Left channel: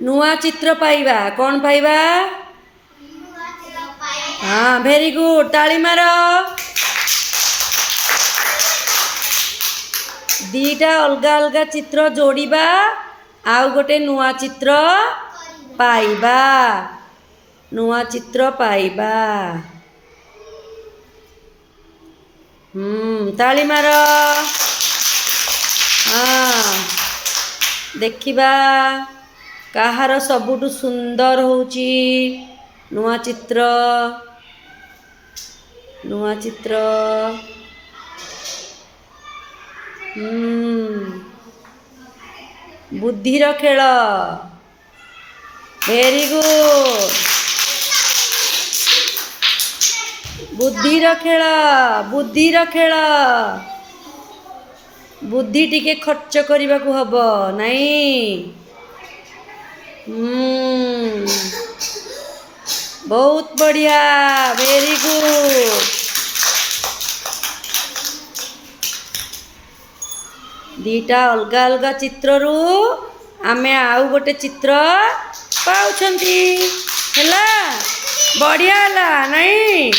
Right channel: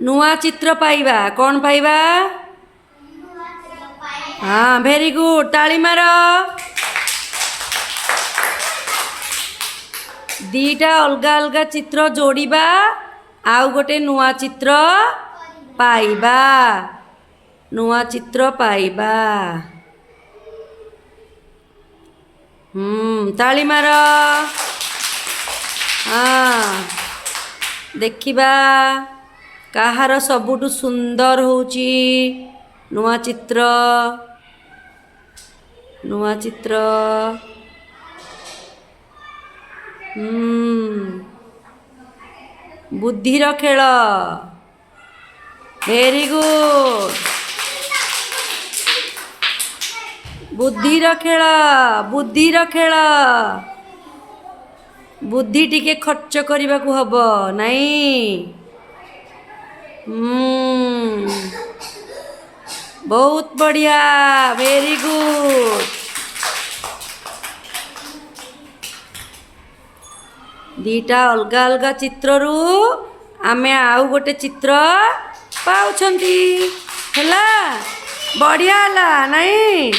नुआ चित्र पाइबा कौन पाइबा हाँ भेरी गुड ताली मार दीटा अलगा अलगा चित्र जोड़िबा आउ गोटे नुआ चित्र पाइबा नुआ चित्र पाइबा ताली मार हाँ देखिबा कहार सबुठु सुंदर होउची नुआ चित्र बुद्धिर खेल वेरी गुड बुद्धिर खेल बुद्धि टिके खर्च करने को हब नहीं बहुत बढ़िया वेरी गुड दीटा अलगा अलगा चित्र रु आमे आउ गोटे चित्र पाउछंती हला बढ़िया हला नहीं।